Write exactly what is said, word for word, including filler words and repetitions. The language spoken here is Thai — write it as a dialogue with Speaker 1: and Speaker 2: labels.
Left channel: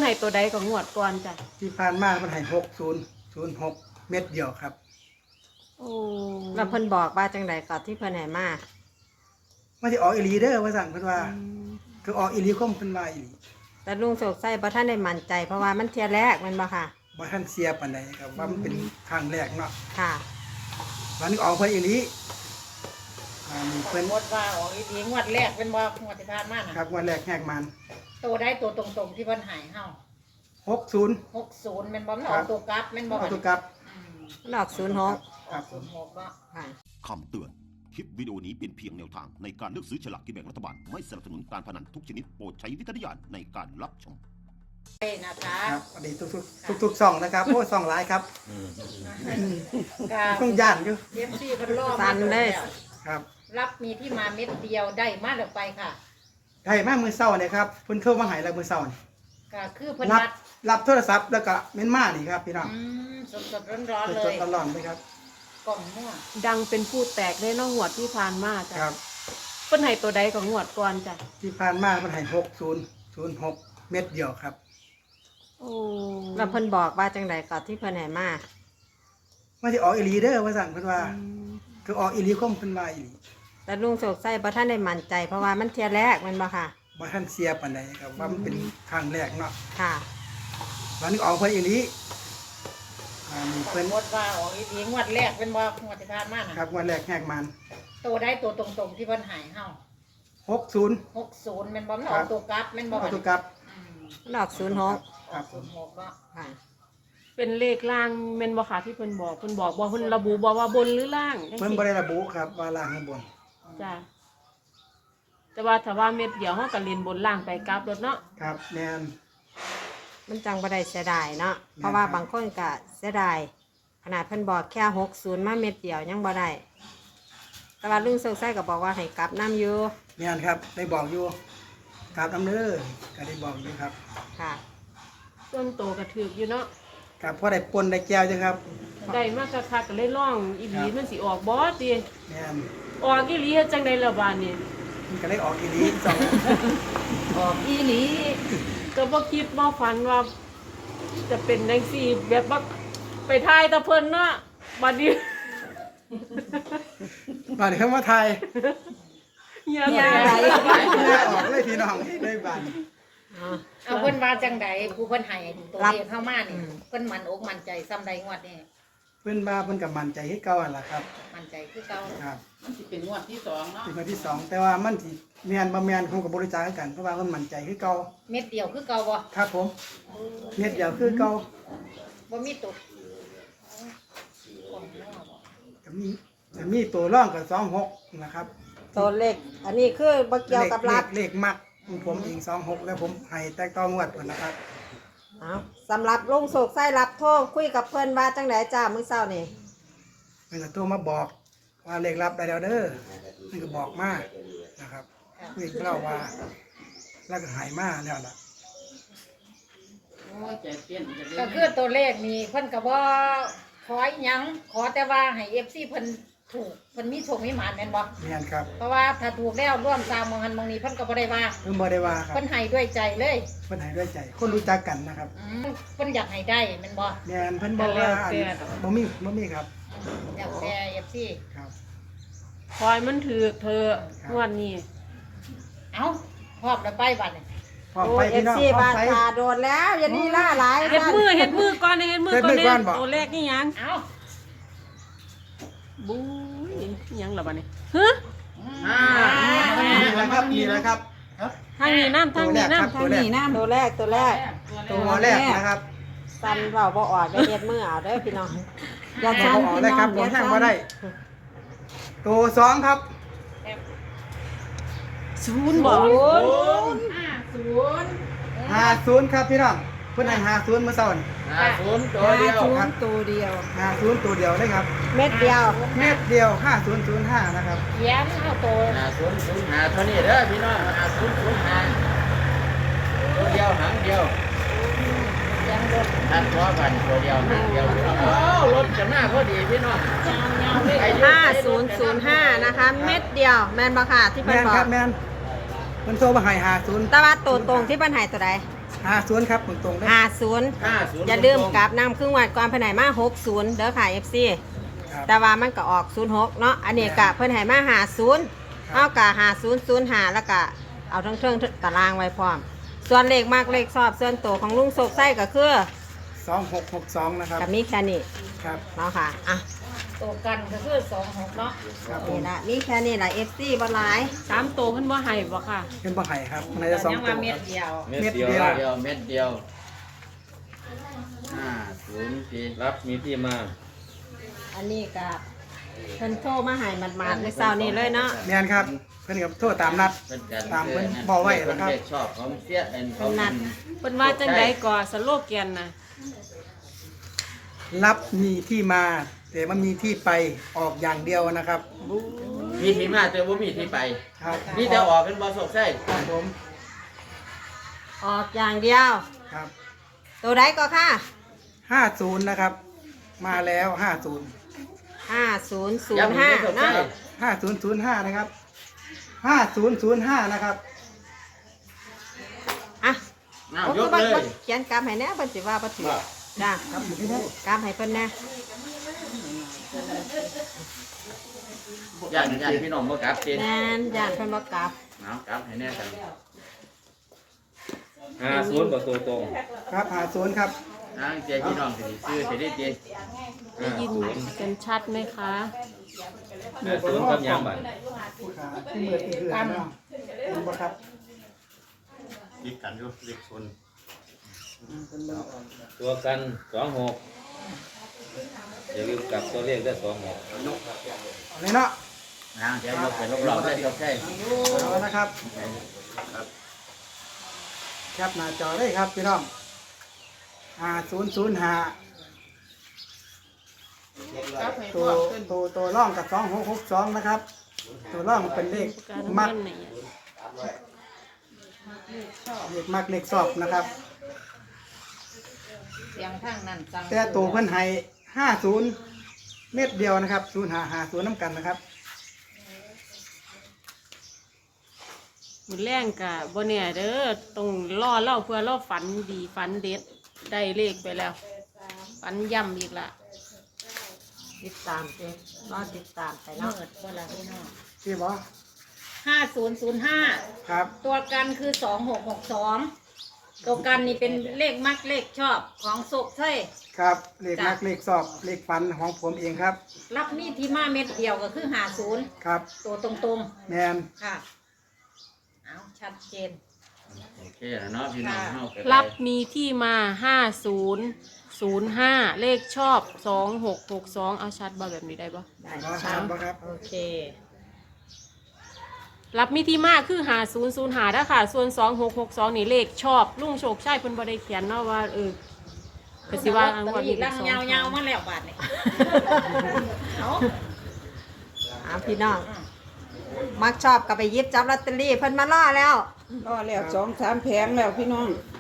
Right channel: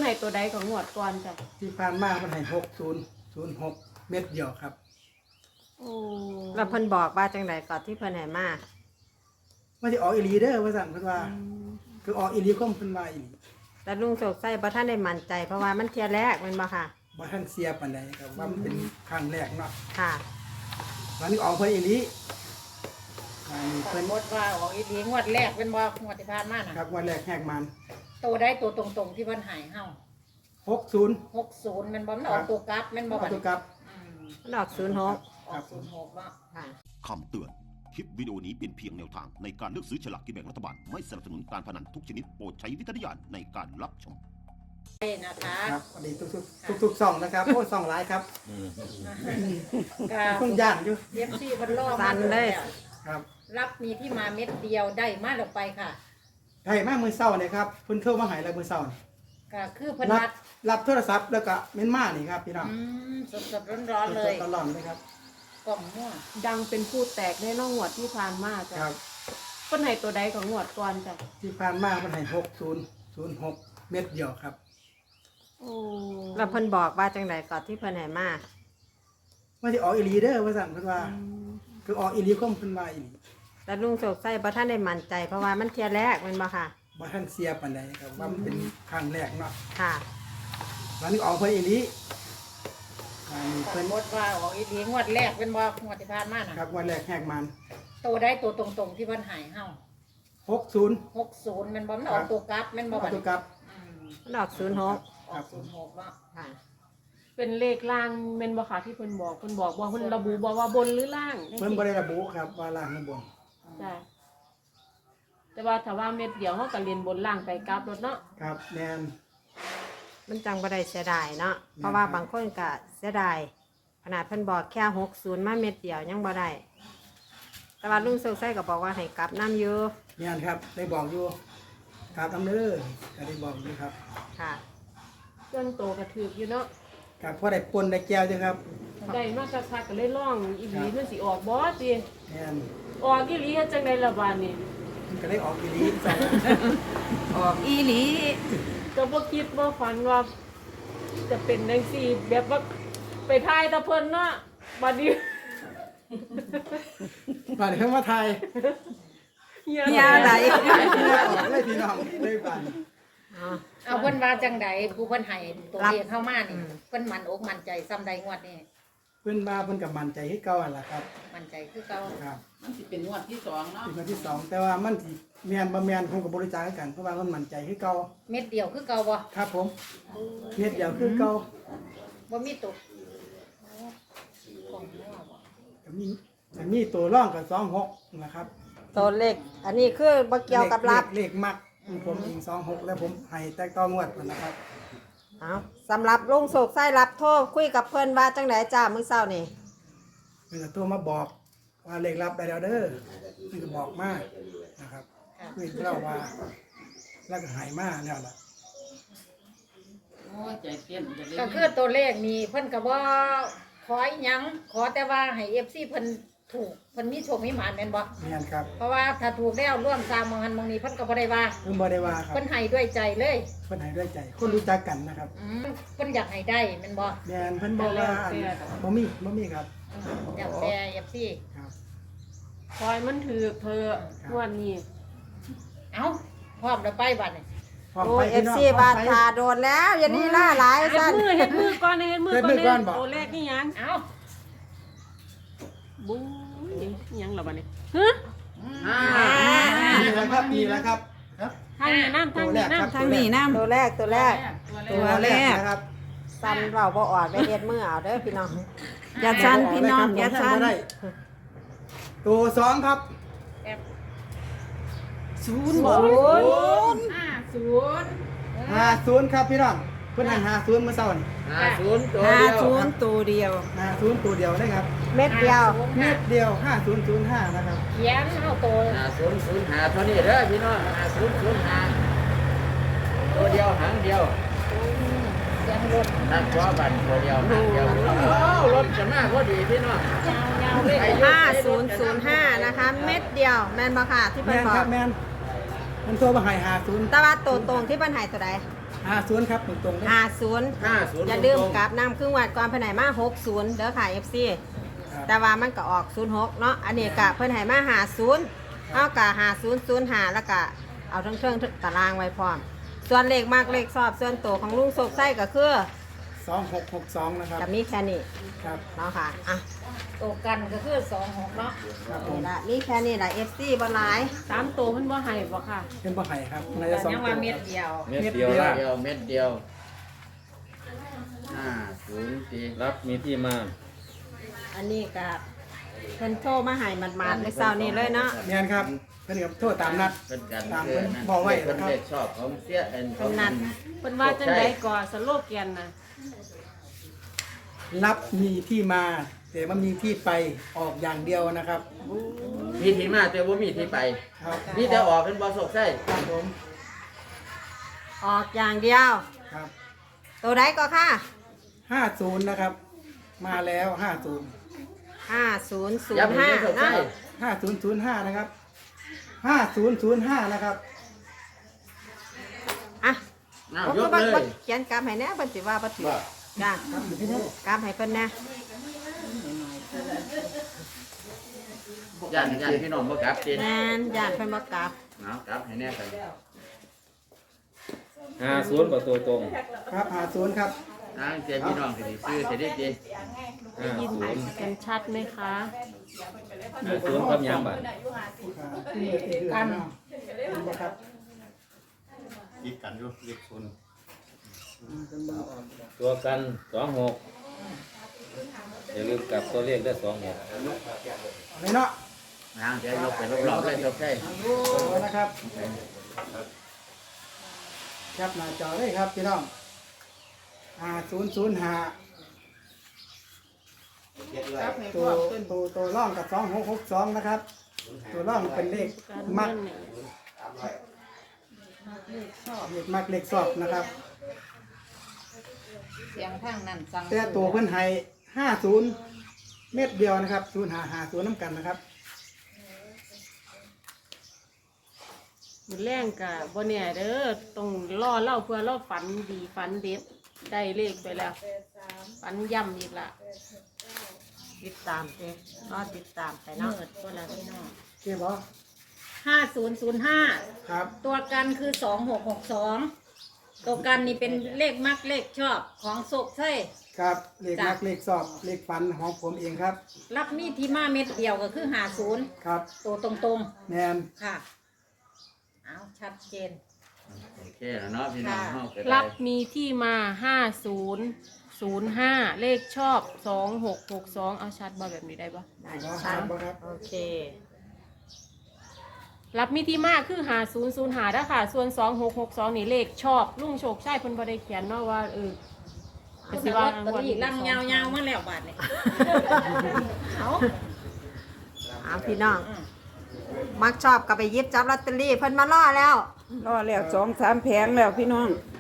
Speaker 1: นให้ตัวใดก็งวดก่อนจ้ะ
Speaker 2: ที่ผ่านมาเพิ่นให้หกศูนย์ศูนย์หกเม็ดเดียวครับ
Speaker 1: โอ้
Speaker 3: แล้วเพิ่นบอกว่าจังไดก่อนที่เพิ่นให้มา
Speaker 2: มันสิออกอีหลีเด้อว่าซั่นเพิ่นว่าคือออกอีหลีคมเพิ่นว่าอีหลี
Speaker 3: แต่ลุงโศกไส้บ่ทันได้มั่นใจเพราะว่ามันเที่ยแรกแม่นบ่ค่ะ
Speaker 2: บ่ทันเสียปานใดครับว่ามันเป็นครั้งแรกเนาะ
Speaker 3: ค่ะ
Speaker 2: วันนี้ออกเพิ่นอีหลีอันนี้เพิ่น
Speaker 4: งวดว่าออกอีหลีงวดแรกเป็นบ่งวดที่ผ่านมาน่ะ
Speaker 2: ครับวันแรกแหกมัน
Speaker 4: ตัวได้ตัวตรงๆที่เพิ่นให้เฮา
Speaker 2: หกศูนย์
Speaker 4: หกสิบแม่นบ่มันออกตัวกลับแม่นบ่
Speaker 2: เอาตัวกลับ
Speaker 4: อืม
Speaker 3: มันออกศูนย์หก
Speaker 2: ครับ
Speaker 4: ศูนย์หกเนาะ
Speaker 3: ค่ะ
Speaker 5: คำเตือน คลิปวิดีโอนี้เป็นเพียงแนวทางในการเลือกซื้อฉลากกินแบ่งรัฐบาล ไม่สนับสนุนการพนันทุกชนิดโปรดใช้วิจารณญาณในการรับชม
Speaker 4: เอ้นะคะ
Speaker 2: ครับสวัสดีทุกๆทุกๆช่องนะครับโอ้ช่องหลายครับ
Speaker 4: ค่ะ
Speaker 2: ต้องย่านอยู่
Speaker 4: เอฟซีเพิ่นรอ
Speaker 3: สั่
Speaker 4: มาน
Speaker 3: เลย
Speaker 2: ครับ
Speaker 4: รับมีที่มาเม็ดเดียวได้มาแล้วไปค่ะ
Speaker 2: ได้มามื้อเช้าเนี่ยครับเพิ่นโทรมาให้แล้วมื้อเช้านี่
Speaker 4: ก็คือเพิ่น
Speaker 2: รับ
Speaker 4: นัด
Speaker 2: รับโทรศัพท์แล้วก็เม้นมานี่ครับพี่น้อง
Speaker 4: อืมสดๆร้อนๆเล
Speaker 2: สด
Speaker 4: ย
Speaker 2: ๆร้อนๆเลยครับ
Speaker 4: กล่องม่วง
Speaker 1: ดังเป็นผู้แตกได้เน้องงวดที่ผ่านมาจ้ะ
Speaker 2: ครับ
Speaker 1: เพิ่นให้ตัวใดก็งวดก่อนจ้ะ
Speaker 2: ที่ผ่านมาเพิ่นให้หกศูนย์ศูนย์หกเม็ดเดียวครับ
Speaker 1: โอ้
Speaker 3: แล้วเพิ่นบอกว่าจังไดก่อนที่เพิ่นให้มา
Speaker 2: มันสิออกอีหลีเด้อว่าซั่นเพิ่นว่าคือออกอีหลีคมเพิ่นว่าอีหลี
Speaker 3: แต่ลุงโศกไส้บ่ทันได้มั่นใจเพราะว่ามันเที่ยแรกแม่นบ่ค่ะ
Speaker 2: บ่ทันเสียปานใดครับว่ามันเป็นครั้งแรกเนาะ
Speaker 3: ค่ะ
Speaker 2: วันนี้ออกเพิ่นอีหลีอันนี้เพิ่น
Speaker 4: งวดว่าออกอีหลีงวดแรกเป็นบ่งวดที่ผ่านมาน่ะ
Speaker 2: ครับวันแรกแหกมัน
Speaker 4: ตัวได้ตัวตรงๆที่เพิ่นให้เฮา
Speaker 2: หกศูนย์
Speaker 4: หกสิบแม่นบ่มันออกตัวกลับแม่นบ่
Speaker 2: เอาตัวกลับ
Speaker 4: อืม
Speaker 3: มันออกศูนย์หก
Speaker 4: ออกศูนย์หกเนาะ
Speaker 3: ค่ะ
Speaker 1: เป็นเลขล่างแม่นบ่ค่ะที่เพิ่นบอกเพิ่นบอกบ่เพิ่นระบุบ่ว่าบนหรือล่างจัง
Speaker 2: เพิ่น
Speaker 1: ซี้
Speaker 2: บ่ได้ระบุครับว่าล่างข้างบน
Speaker 1: จ้ะแต่ว่าถ้าว่าเม็ดเดียวเฮาก็เรียนบนล่างไปกลับรถเนาะ
Speaker 2: ครับแม่น
Speaker 3: มันจังบ่ได้เสียดายเนาะเพราะว่าบางคนก็เสียดายขนาดเพิ่นบอกแค่หกศูนย์มาเม็ดเดียวยังบ่ได้แต่ว่าลุงโศกไส้ก็บอกว่าให้กลับน้ำอยู่
Speaker 2: แม่นครับได้บอกอยู่กราบน้ำเด้อก็ได้บอกอยู่ครับ
Speaker 3: ค่ะ
Speaker 1: ต้นโตก็ถูกอยู่เนาะ
Speaker 2: ครับพอได้ปนได้แก้วจ้ะครับ
Speaker 1: ได้มาคักๆก็เลยร้องอีหลีมันสิออกบ่ติ
Speaker 2: แม่น
Speaker 1: ออกอีหลีเฮ็ดจังได๋ล่ะบาดนี้
Speaker 2: มันก็ได้ออกอีหลีสอง
Speaker 1: ออกอีหลีก็บ่คิดบ่ฝันว่าจะเป็นจังซี่แบบว่าไปทายตะเพิ่นเนาะบัดนี้
Speaker 2: บาดนี้เข้ามาไทย
Speaker 1: เฮีย
Speaker 3: เฮีย
Speaker 1: ไหน
Speaker 3: ไหน
Speaker 2: แม่ออกเลยพี่น้องได้บาดนี้
Speaker 3: อ๋อ
Speaker 4: เอาเพิ่นว่าจังใดผู้เพิ่นให้ตัว
Speaker 3: รับ
Speaker 4: เลขเข้ามานี่
Speaker 3: อืม
Speaker 4: เพิ่นมั่นอกมั่นใจซ้ำใดงวดนี่
Speaker 2: เพิ่นมาเพิ่นก็มั่นใจคือเก่าหั่นล่ะครับ
Speaker 4: มั่นใจคือเก่า
Speaker 2: ครับ
Speaker 6: มันสิเป็นงวดที่สองเนาะ
Speaker 2: เป็นคนที่สองแต่ว่ามันสิแม่นบ่แม่นคงก็บ่รู้จักกันเพราะว่าเพิ่นมั่นใจคือเก่า
Speaker 4: เม็ดเดียวคือเก่าบ่
Speaker 2: ครับผมเม็ดเดียวคือเก่า
Speaker 4: บ่มีตก
Speaker 2: ก็มีจะมีตัวร่องกับสองหกนะครับ
Speaker 3: ตัวเลขอันนี้คือบ่เกี่ยวกับรับ
Speaker 2: เลขเลขมักของผมเองสองหกแล้วผมให้แตกต้องวดก่อนนะครับ
Speaker 3: เอาสำหรับลุงโศกไส้รับโทษคุยกับเพิ่นว่าจังไดจ้ามื้อเช้านี่
Speaker 2: เพิ่นก็โทรมาบอกว่าเลขรับได้แล้วเด้อเพิ่นก็บอกมานะครับเพิ่นเล่าว่าแล้วก็ใหายมาแล้วล่ะ
Speaker 6: โอ้ยใจเต้นจะเล่
Speaker 4: ก็
Speaker 6: น
Speaker 4: คือตัวเลขนี่เพิ่นก็บ่ขออีหยังขอแต่ว่าให้ เอฟ ซี เพิ่นถูกเพิ่นมีโชคมีหมานแม่นบ่
Speaker 2: แม่นครับ
Speaker 4: เพราะว่าถ้าถูกแล้วร่วมสร้างมองหันมองนี้เพิ่นก็บ่ได้ว่า
Speaker 2: เพิ่นบ่ได้ว่าครับ
Speaker 4: เพิ่นให้ด้วยใจเลย
Speaker 2: เพิ่นให้ด้วยใจ คนรู้จักกันนะครับ
Speaker 4: อืมเพิ่นอยากให้ได้แม่นบ่
Speaker 2: แม่นเพิ่นบอกว่าอันบ่มีบ่มีครับ
Speaker 4: อยากแต่ เอฟ ซี
Speaker 2: ครับ
Speaker 1: คอยมันถือเธอะงวดนี้
Speaker 4: เอ้าพร้อมแล้วไปบัดนี้
Speaker 2: พร้อม
Speaker 3: โอ้
Speaker 2: ไป
Speaker 3: เอ
Speaker 2: พี่
Speaker 3: ฟ
Speaker 2: น้อง
Speaker 3: ซี
Speaker 2: พร้
Speaker 3: บา
Speaker 2: อม
Speaker 3: ด
Speaker 2: ไป
Speaker 3: ตาโดนแล้วอย่านี่ล่าหลาย
Speaker 1: เฮ็ด
Speaker 3: ซั่น
Speaker 1: มือเฮ็ดมือก่อนเฮ็ดมือก่อน
Speaker 2: เฮ็ดมือก่อนบ่
Speaker 1: ตัวเลขนี่หยัง
Speaker 4: เอ้า
Speaker 1: บู๊ยหยังล่ะบัดนี้ฮะ
Speaker 6: อ่า
Speaker 2: นี่แหละครับนี่แหละครับ
Speaker 1: ทางนี้น้ำทางนี้น้ำ
Speaker 2: ตัวแรกครับ
Speaker 3: ตัวแรกตัวแรก
Speaker 2: ตัวแรกนะครับ
Speaker 3: ซันเว้าบ่ออดไปเฮ็ดมือเอาเด้อพี่น้อง
Speaker 2: อย่าสั่นพี่น้องอย่าสั่นบ่ได้ ตัวสองครับ
Speaker 1: ศูนย์บ่
Speaker 3: ศูนย์
Speaker 4: ห้าศูนย์
Speaker 2: ห้าศูนย์ครับพี่น้องเพิ่นให้ห้าศูนย์เมื่อเช้านี่
Speaker 6: ห้าศูนย์ตัวเดียว
Speaker 2: ครับตัวเดียวห้าศูนย์ตัวเดียวเลยครับ
Speaker 3: เม็ดเดียว
Speaker 2: เม็ดเดียวห้าศูนย์ศูนย์ห้านะครับ
Speaker 4: เขียนเอาตัว
Speaker 6: ห้าศูนย์ศูนย์ห้าเท่านี้เด้อพี่น้องห้าศูนย์ศูนย์ห้าตัวเดียวหางเดียว
Speaker 4: เขียนรถ
Speaker 6: ทำร้อยบันตัวเดียวหางเดียวโอ้รถจะหน้าพอดีพี่น้อง
Speaker 4: ยาวๆเลย
Speaker 3: ห้าศูนย์ศูนย์ห้านะคะ เม็ดเดียวแม่นบ่ค่ะที่เพิ่
Speaker 2: แม่
Speaker 3: น
Speaker 2: น
Speaker 3: บอ
Speaker 2: ครั
Speaker 3: ก
Speaker 2: บแม่นมันโทรมาให้ห้าศูนย์
Speaker 3: แต่ว่าตัวตรงที่เพิ่นให้ตัวใด
Speaker 2: ห้าศูนย์ครับตรงๆเลย
Speaker 3: ห้าศูนย์
Speaker 6: ห้าศูนย์
Speaker 3: อย่าลืมกลับน้ำครึ่งวัดก่อนเพิ่นให้มาหกศูนย์เด้อค่ะ เอฟ ซี
Speaker 2: ครับ
Speaker 3: แต่ว่ามันก็ออกศูนย์หกเนาะอันนี้กะเพิ่นให้มาห้าศูนย์
Speaker 2: ครับ
Speaker 3: เอากะห้าศูนย์ศูนย์ห้าแล้วก็เอาทั้งเครื่องตารางไว้พร้อม ส่วนเลขมากเลขชอบส่วนตัวของลุงโศกไส้ก็คือ
Speaker 2: สองหกหกสองนะครับ
Speaker 3: กับมีแค่นี้
Speaker 2: ครับ
Speaker 3: เนาะค่ะอ่ะ
Speaker 4: ตัวกันก็คือสองหกเนาะ
Speaker 2: ครับผ
Speaker 3: นี่
Speaker 2: ม
Speaker 3: ละมีแค่นี้ละ เอฟ ซี บ่หลาย
Speaker 1: สามตัวเพิ่นบ่ให้บ่ค่ะ
Speaker 2: เป็นบ่ไห่ครับมันจะสอง
Speaker 4: ยัง
Speaker 2: ตั
Speaker 4: ว่าว เม็
Speaker 2: ค
Speaker 4: ด
Speaker 2: รับ
Speaker 4: เดียว
Speaker 6: เม็ดเดียว
Speaker 2: เม็ดเดียว
Speaker 6: เดียวเม็ดเดียวห้าศูนย์ปี
Speaker 7: รับมีที่มา
Speaker 3: อันนี้ก็เพิ่นโทรมาให้หมาดๆในเช้านี้เลยเนาะ
Speaker 2: แม่นครับเพิ่นกับโทษตามนัด
Speaker 6: เป็นการ
Speaker 2: ตามเพิ่นบอกไว้แล้วครับ
Speaker 6: เพิ่นชอบของเสียเอ็นของมัน
Speaker 1: เพิ่นว่าจังไดก่อสโลแกนน่ะ
Speaker 2: รับมีที่มา แต่มันมีที่ไปออกอย่างเดียวนะครับ
Speaker 6: มีที่มาแต่ว่ามีที่ไป
Speaker 2: ครับ
Speaker 6: มีแต่ออกเป็นบอสกใช่
Speaker 2: ครับผม
Speaker 3: ออกอย่างเดียว
Speaker 2: ครับ
Speaker 3: ตัวใดก็ค่ะ
Speaker 2: ห้าศูนย์นะครับ มาแล้วห้าศูนย์
Speaker 3: ห้าศูนย์ศูน
Speaker 6: ยัง
Speaker 3: ย์
Speaker 6: ไม่
Speaker 3: ห้า
Speaker 6: ได้สก
Speaker 3: เนาะ
Speaker 6: ใช่
Speaker 2: ห้าศูนย์ศูนย์ห้านะครับห้าศูนย์ศูนย์ห้านะครับ
Speaker 3: อ่ะ
Speaker 6: เอา
Speaker 3: โอ้
Speaker 6: ย
Speaker 3: คื
Speaker 6: ก
Speaker 3: อบั
Speaker 6: เล
Speaker 3: ด
Speaker 6: ย
Speaker 3: เขียนกรรมให้แน่เพิ่นสิว่าบ่ถูกจ้า
Speaker 2: ครับอยู่ที่นี่
Speaker 3: กรรมให้เพิ่นแน่
Speaker 6: ย่านย่านพี่น้องบ่กลับติ
Speaker 3: แม่นญาติเพิ่นบ่กลับ
Speaker 6: เอากลับให้แน่กัน
Speaker 7: ห้าศูนย์กับตัวตรง
Speaker 2: ครับห้าศูนย์ครับ
Speaker 6: ทางเจ้พี่น้องสิได้ซื้อสิได้เจ
Speaker 7: ห้า
Speaker 1: ยิน
Speaker 7: ศูนย์
Speaker 1: เป็นชัดไหมคะ
Speaker 7: ห้าศูนย์กับยังบัตร
Speaker 2: ผู้ขาที่มือที่เหือนเนาะเห็นบ่ครับ
Speaker 8: ยิดกันอยู่เลขศูนย์
Speaker 7: ตัวกันสองหกอย่าลืมกลับตัวเลขได้สองหก
Speaker 2: เอาเลยเนาะ
Speaker 6: ทางเจ้ยกเป็นรอบๆได้ยกใช่
Speaker 2: เอานะครับแคปหน้าจอเลยครับพี่น้องห้าศูนย์ศูนย์ห้าตัวตัวตัวร่องกับสองหกหกสองนะครับ ตัวร่องเป็นเลขมักเลขมักเลขสอบนะครับ
Speaker 4: เสียงทางนั้นสั่ง
Speaker 2: แต่ตัวเพิ่นให้ห้าศูนย์เม็ดเดียวนะครับศูนย์หาหาศูนย์น้ำกันนะครับ
Speaker 1: มือแรงกะบ่เนี่ยเด้อต้องรอเล่าเพื่อเราฝันดีฝันเด็ดได้เลขไปแล้วฝันย่ำอีกละ
Speaker 3: ติดตามเด้รอติดตามไป
Speaker 4: เนาะ
Speaker 3: เนาะ
Speaker 4: เวลาพี่น้อง
Speaker 2: เจ๊บอ
Speaker 4: ห้าศูนย์ศูนย์ห้า
Speaker 2: ครับ
Speaker 4: ตัวกันคือสองหกหกสองตัวกันนี่เป็นเลขมักเลขชอบของโศกใช่
Speaker 2: ครับเลขมักเลขสอบเลขฟันของผมเองครับ
Speaker 4: รับมีที่มาเม็ดเดียวก็คือหาศูนย์
Speaker 2: ครับ
Speaker 4: ตัวตรง
Speaker 2: แมน
Speaker 4: ๆค่ะเอาชัดเจน
Speaker 6: โอเคเนาะพี่น้องเฮาไป
Speaker 1: รับมีที่มาห้าศูนย์ศูนย์ห้าเลขชอบสองหกหกสองเอาชัดบ่แบบนี้ได้บ่
Speaker 3: ได้
Speaker 2: รอ
Speaker 3: ครั
Speaker 2: ถา
Speaker 3: บ
Speaker 2: มบ่ครับ
Speaker 3: โอเค
Speaker 1: รับมีที่มาคือหาศูนย์ศูนย์หาถ้าค่ะส่วนสองหกหกสองนี่เลขชอบลุงโชคชัยเพิ่นบ่ได้เขียนเนาะว่าเออก็สิว่า
Speaker 4: ตะลีลังยาวๆมาแล้วบาดนี่เอา
Speaker 3: เอาพี่น้อง มักชอบก็ไปหยิบจับลอตเตอรี่เพิ่นมาล่อแล้ว
Speaker 9: รอแล้วสองสามแผงแล้วพี่น้อง